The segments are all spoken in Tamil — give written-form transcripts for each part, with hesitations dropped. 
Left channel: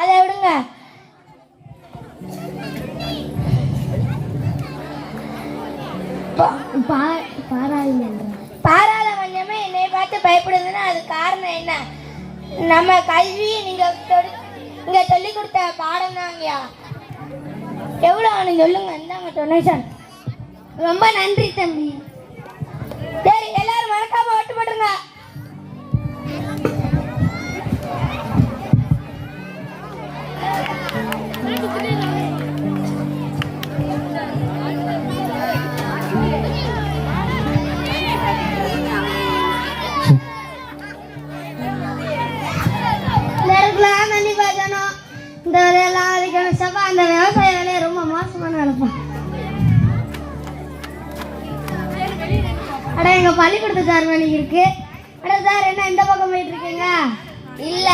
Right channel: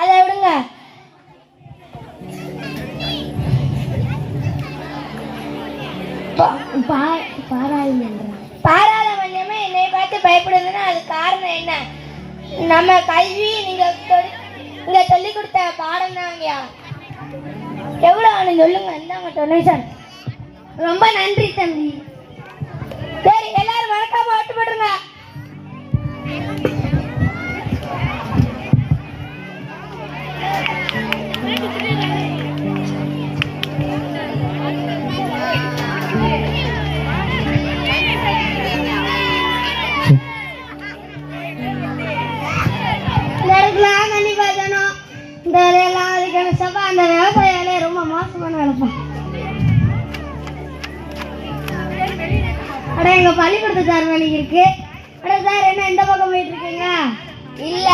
அதை விடுங்க. பாராளுமன்றமே என்னை பார்த்து பயப்படுதுன்னா அது காரணம் என்ன? நம்ம கல்வி நீங்க சொல்லி கொடுத்த பாடம் தாங்கயா. எவ்வளோ ஆனு சொல்லுங்க. இந்தாங்க டொனேஷன். ரொம்ப நன்றி தம்பி. சரி, எல்லாரும் வணக்கம் ஓட்டு போடுங்க. இந்த வேலையெல்லாம் அதுக்கான சபா அந்த விவசாய வேலையை ரொம்ப மோசமான வேலைப்பான். அட எங்க பள்ளிக்கூடத்து சார் வேலைக்கு இருக்கு. அட சார் என்ன இந்த பக்கம் போயிட்டு இருக்கீங்க? இல்ல,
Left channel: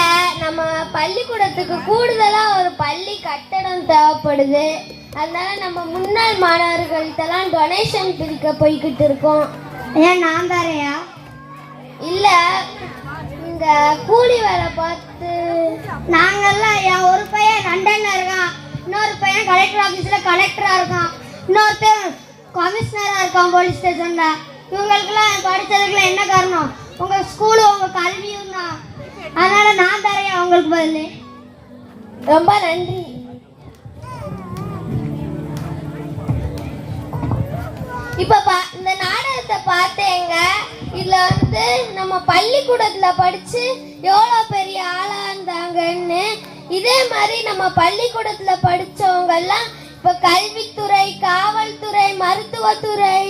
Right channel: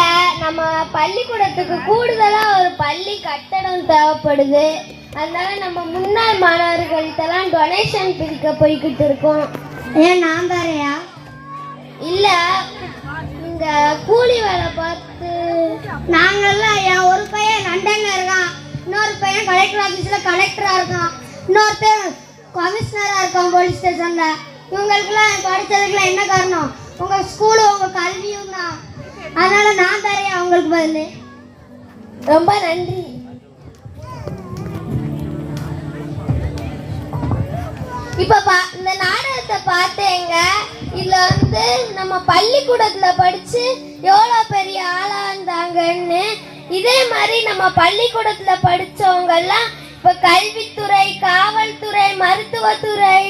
நம்ம பள்ளிக்கூடத்துக்கு கூடுதலா ஒரு பள்ளி கட்டடம் தேவைப்படுது. அதனால நம்ம முன்னாள் மாணவர்கள்ட்டெல்லாம் டொனேஷன் பிரிக்க போய்கிட்டு இருக்கோம். ஏன் நான் தாரையா? இல்ல, இந்த கூலி வேலை பார்த்து நாங்கெல்லாம் ஒரு பையன் லண்டன்ல இருக்கான், இன்னொரு பையன் கலெக்டர் ஆபீஸ்ல கலெக்டரா இருக்கான், இன்னொரு பையன் கமிஷனரா இருக்கான் போலீஸ் ஸ்டேஷன்ல. இவங்களுக்குலாம் படிச்சதுக்குலாம் என்ன காரணம்? உங்க ஸ்கூலு உங்க கல்வியும் தான். அதனால நான் தரேன் அவங்களுக்கு பதில். ரொம்ப நன்றி. இப்ப இந்த நாடகத்தை பார்த்தேங்க. இதுல நம்ம பள்ளிக்கூடத்துல படிச்சு எவ்வளவு பெரிய ஆளா இருந்தாங்கன்னு, இதே மாதிரி நம்ம பள்ளிக்கூடத்துல படிச்சவங்க எல்லாம் இப்ப கல்வித்துறை, காவல்துறை, மருத்துவத்துறை,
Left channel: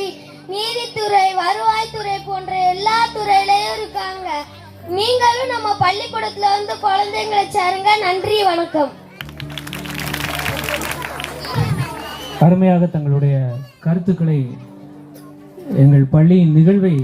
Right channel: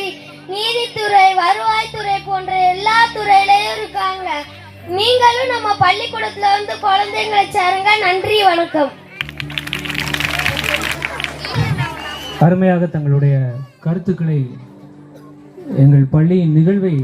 நீதித்துறை, வருவாய்த்துறை போன்ற எல்லா துறையிலையும் இருக்காங்க. நீங்களும் நம்ம பள்ளிக்கூடத்துல குழந்தைங்களை சேருங்க. நன்றி, வணக்கம். அருமையாக தங்களுடைய கருத்துக்களை எங்கள் பள்ளியின் நிகழ்வை